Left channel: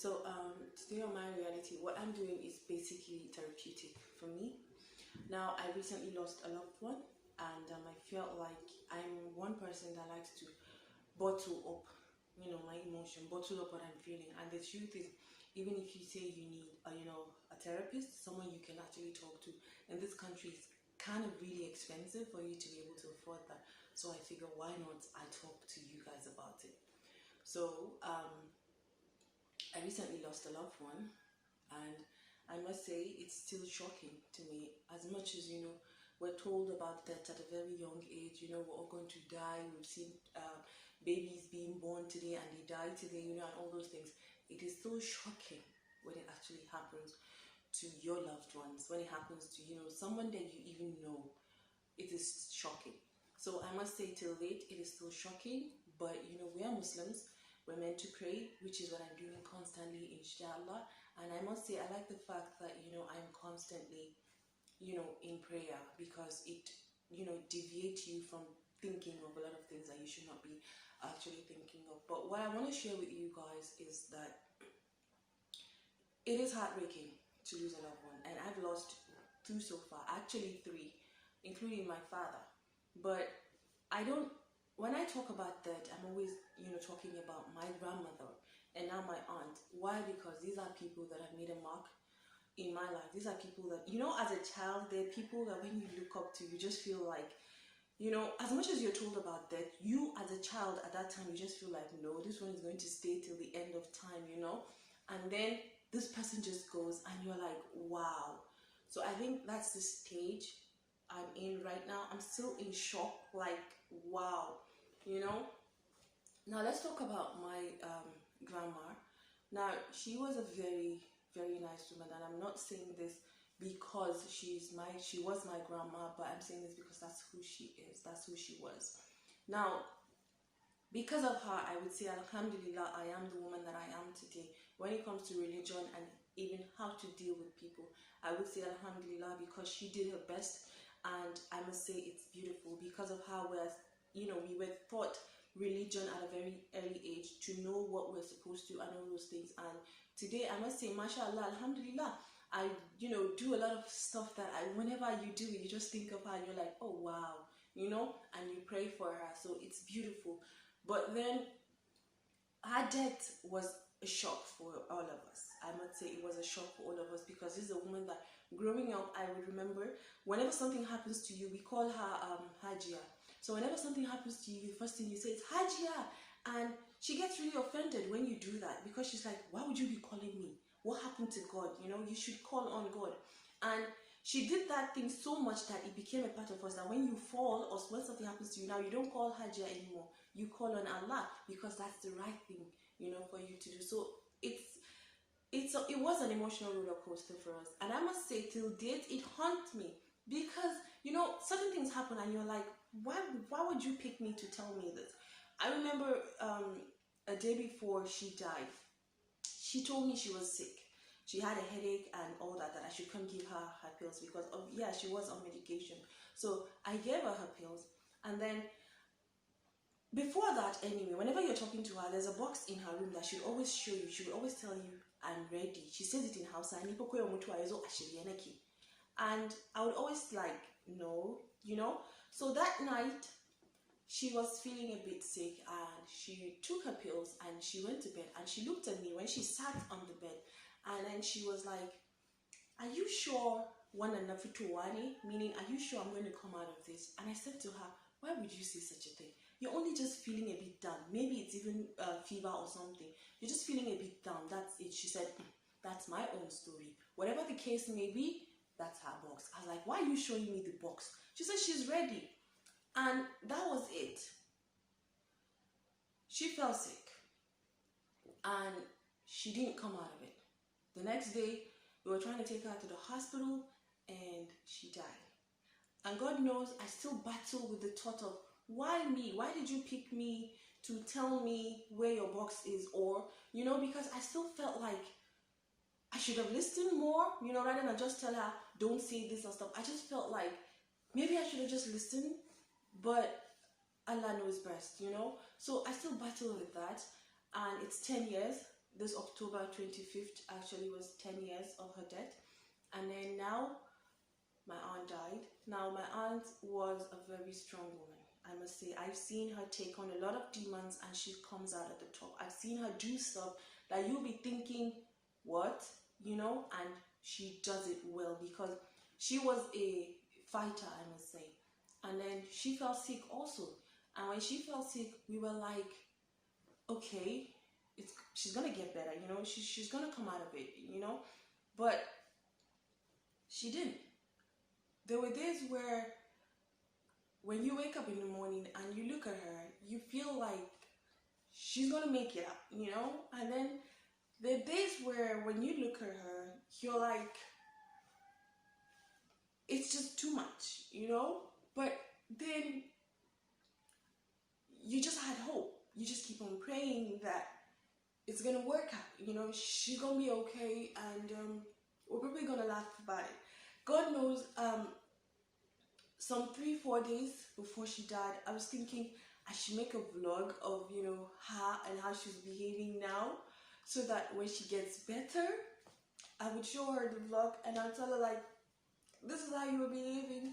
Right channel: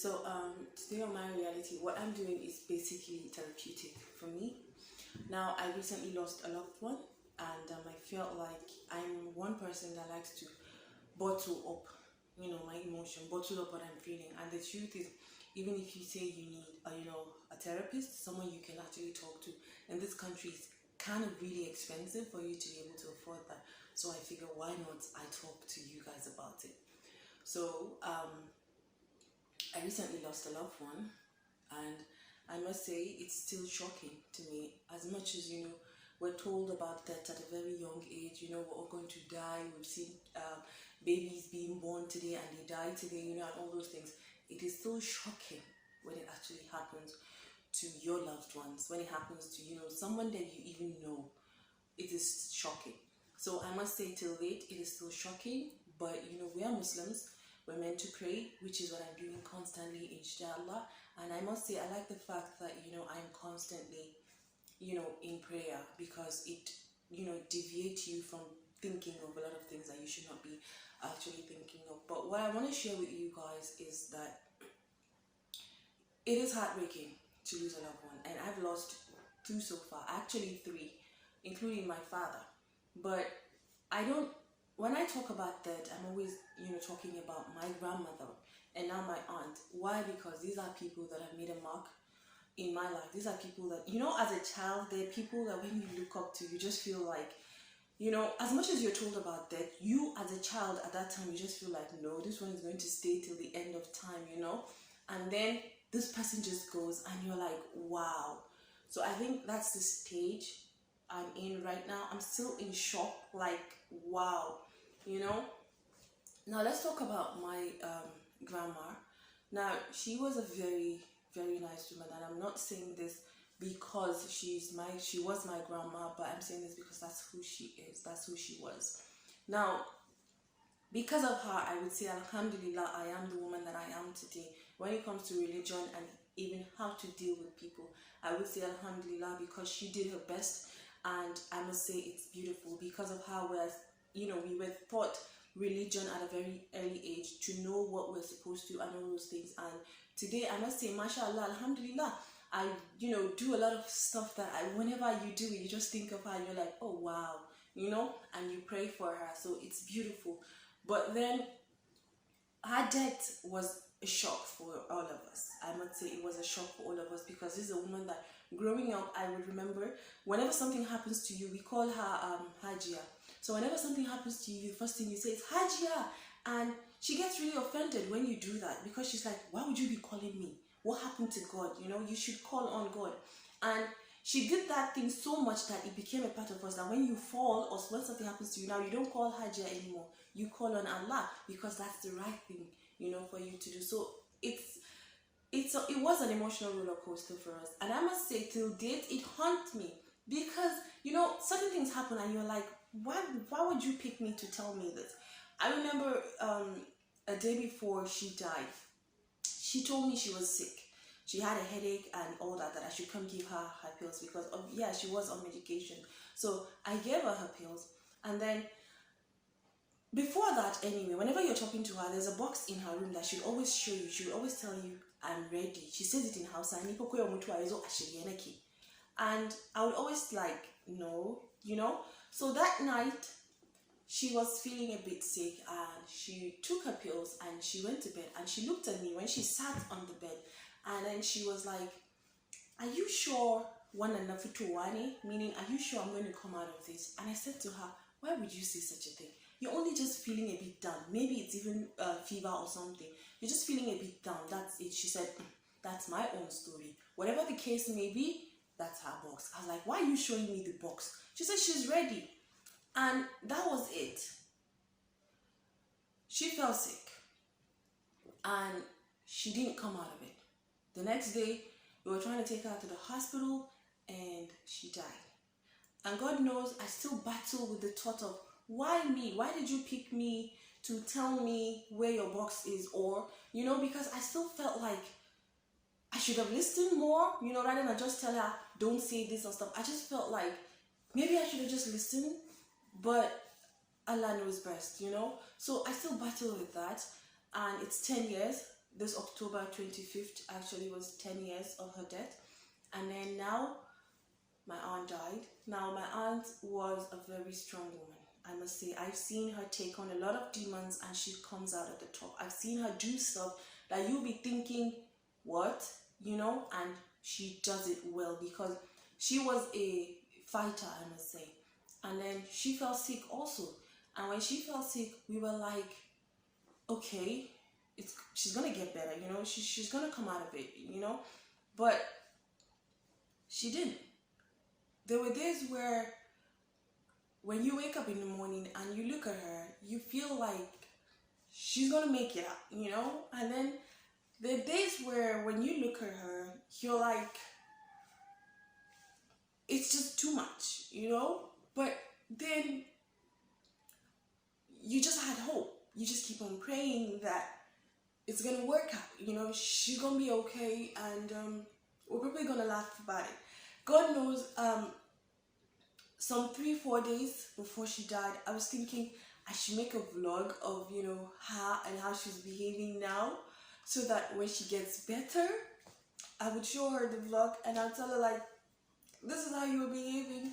Today on my reality, what I'm doing is basically therapeutic for me. Now, I recently lost a loved one, and I felt like I'm one person that likes to bottle up, my emotion, bottle up what I'm feeling. And the truth is, even if you say you need, a therapist, someone you can actually talk to, in this country, it's kind of really expensive for you to be able to afford that. So I figure, why not I talk to you guys about it? So I recently lost a loved one, and I must say it's still shocking to me. As much as we're told about death at a very young age. We're all going to die. We've seen babies being born today and they die today. And all those things. It is still shocking when it actually happens to your loved ones. When it happens to someone that you even know, it is shocking. So I must say, till date, it is still shocking. But we are Muslims. We're meant to pray, which is what I'm doing constantly, inshallah. And I must say, I like the fact that, I'm constantly, in prayer, because it, deviates you from thinking of a lot of things that you should not be actually thinking of. But what I want to share with you guys is that it is heartbreaking to lose a loved one. And I've lost two so far, actually three, including my father. But when I talk about that, I'm always, talking about my grandmother and now my aunt. Why? Because these are people that have made a mark in my life. These are people that, as a child, they're people that when you look up to, you just feel like, as much as you're told about that, you as a child at that time, you just feel like, no, this one is going to stay till the end of time, And then this person just goes and you're like, wow. So I think that's the stage I'm in right now. I'm still in shock, like, wow, Now let's talk about my grandma. Now, she was a very, very nice woman, and I'm not saying this because she was my grandma, but I'm saying this because that's who she is, that's who she was. Now, because of her, I would say, alhamdulillah, I am the woman that I am today. When it comes to religion and even how to deal with people, I would say alhamdulillah, because she did her best, and I must say it's beautiful because of how we were taught religion at a very early age to know what we're supposed to and all those things. And today, I must say, mashallah, alhamdulillah, I do a lot of stuff that whenever you do it, you just think of her and you're like, oh wow, and you pray for her. So it's beautiful. But then her death was a shock for all of us. I must say it was a shock for all of us, because this is a woman that growing up, I would remember whenever something happens to you, we call her Hajia. So whenever something happens to you, the first thing you say is Hajia. And she gets really offended when you do that, because she's like, why would you be calling me? What happened to God? You should call on God. And she did that thing so much that it became a part of us, that when you fall or when something happens to you, now you don't call Hajia anymore. You call on Allah, because that's the right thing, for you to do. So it was an emotional roller coaster for us. And I must say, till date, it haunts me, because, certain things happen and you're like, why would you pick me to tell me this? I remember a day before she died, she told me she was sick. She had a headache and all that I should come give her her pills, because she was on medication. So I gave her her pills, and then before that, anyway, whenever you're talking to her, there's a box in her room that she'll always show you. She will always tell you, I'm ready. She says it in Hausa. And I would always like, no, So that night, she was feeling a bit sick, and she took her pills and she went to bed, and she looked at me when she sat on the bed, and then she was like, are you sure meaning, are you sure I'm going to come out of this? And I said to her, why would you say such a thing? You're only just feeling a bit down. Maybe it's even fever or something. You're just feeling a bit down. That's it. She said, that's my own story. Whatever the case may be, that's her box. I was like, why are you showing me the box? She said she's ready. And that was it. She fell sick, and she didn't come out of it. The next day, we were trying to take her to the hospital, and she died. And God knows, I still battle with the thought of, why me? Why did you pick me to tell me where your box is? Or, because I still felt like I should have listened more, rather than just tell her, don't say this and stuff. I just felt like maybe I should have just listened, but Allah knows best, So I still battle with that, and it's 10 years. this October 25th actually was 10 years of her death. And then now my aunt died. Now my aunt was a very strong woman, I must say. I've seen her take on a lot of demons and she comes out at the top. I've seen her do stuff that you'll be thinking, what? You know, and she does it well because she was a fighter, I must say. And then she fell sick also. And when she fell sick, we were like, okay, she's gonna get better, you know, she's gonna come out of it, you know. But she didn't. There were days where when you wake up in the morning and you look at her, you feel like she's gonna make it up, you know. And then there are days where when you look at her, you're like, it's just too much, you know. But then you just had hope. You just keep on praying that it's gonna work out, you know. She's gonna be okay, and we're probably gonna laugh about it. God knows, some 3-4 days before she died, I was thinking I should make a vlog of, you know, how she's behaving now, so that when she gets better, I would show her the vlog and I'll tell her like, this is how you were behaving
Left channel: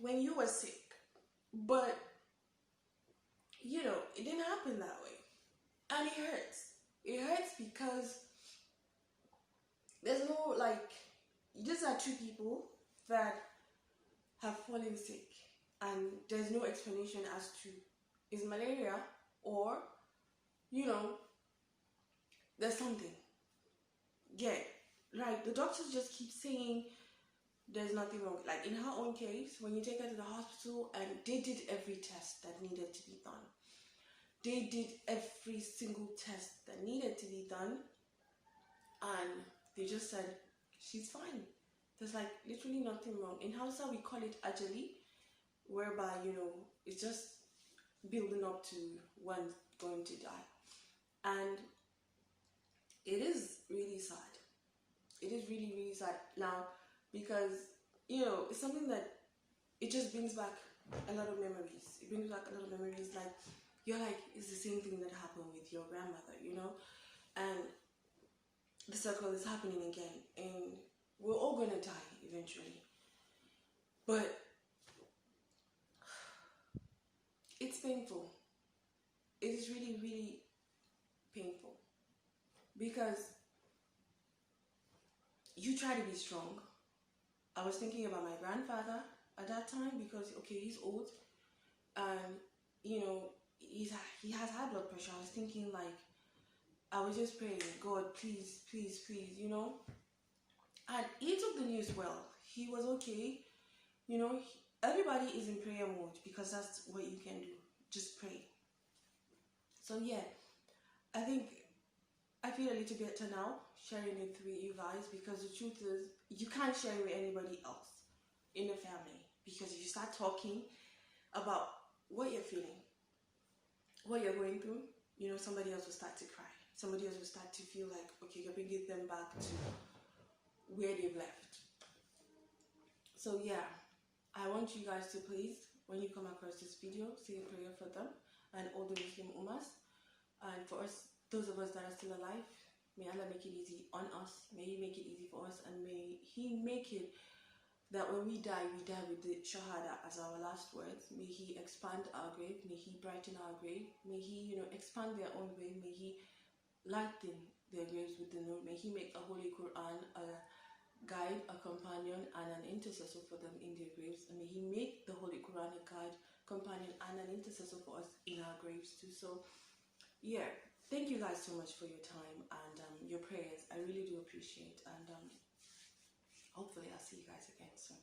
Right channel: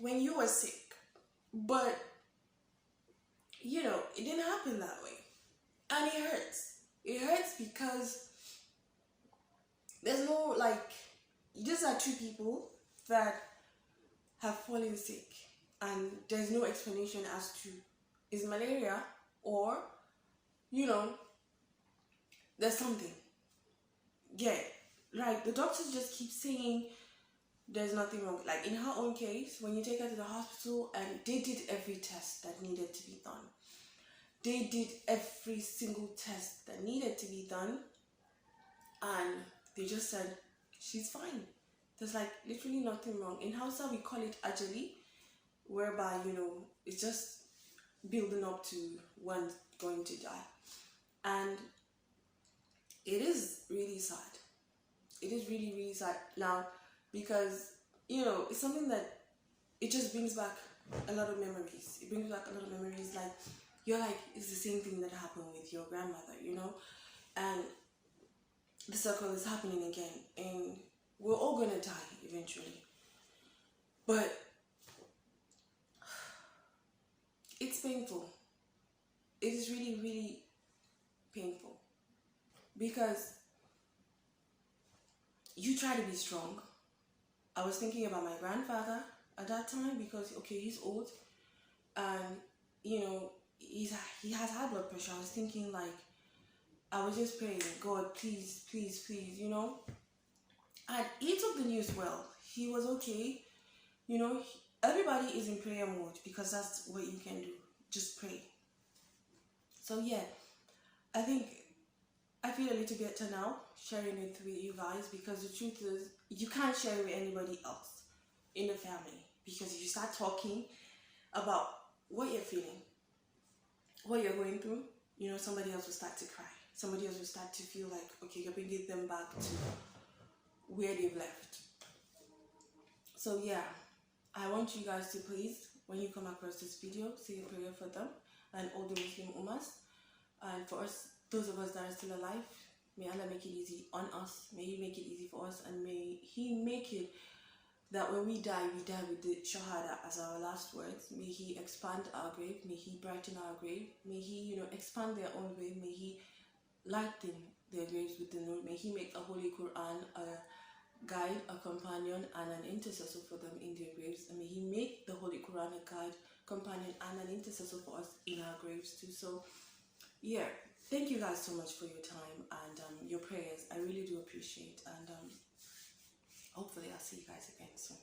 when you were sick. But you know, it didn't happen that way, and it hurts. It hurts because there's no, like, these are two people that have fallen sick and there's no explanation as to is malaria or, you know, there's something. Yeah, like the doctors just keep saying there's nothing wrong. Like in her own case, when you take her to the hospital, and they did every test that needed to be done. They did every single test that needed to be done, and they just said she's fine. There's like literally nothing wrong. In Hausa we call it ajali, whereby, you know, it's just building up to one's going to die. And it is really sad. It is really, really sad now, because, you know, it's something that it just brings back a lot of memories. It brings back a lot of memories. Like, you're like, it's the same thing that happened with your grandmother, you know? And the circle is happening again. And we're all gonna die eventually. But it's painful. It is really, really painful. Because you try to be strong. I was thinking about my grandfather at that time, because, okay, he's old. And, you know, he has high blood pressure. I was thinking, like, I was just praying, God, please, please, please, you know. And he took the news well. He was okay. You know, everybody is in prayer mode, because that's what you can do. Just pray. So yeah, I think I feel a little better now sharing it with you guys, because the truth is, you can't share it with anybody else in the family, because if you start talking about what you're feeling, what you're going through, you know, somebody else will start to cry. Somebody else will start to feel like, okay, you're bringing them back to where they've left. So yeah, I want you guys to please, when you come across this video, say a prayer for them and all the Muslim Ummas. And for us, those of us that are still alive, may Allah make it easy on us. May He make it easy for us, and may He make it that when we die with the Shahada as our last words. May He expand our grave. May He brighten our grave. May He, you know, expand their own grave. May He lighten their graves with the nur. May He make a Holy Quran a guide, a companion, and an intercessor for them in their graves. And may He make the Holy Quran a guide, companion, and an intercessor for us in our graves too. So yeah, thank you guys so much for your time and your prayers. I really do appreciate, and hopefully I'll see you guys again soon.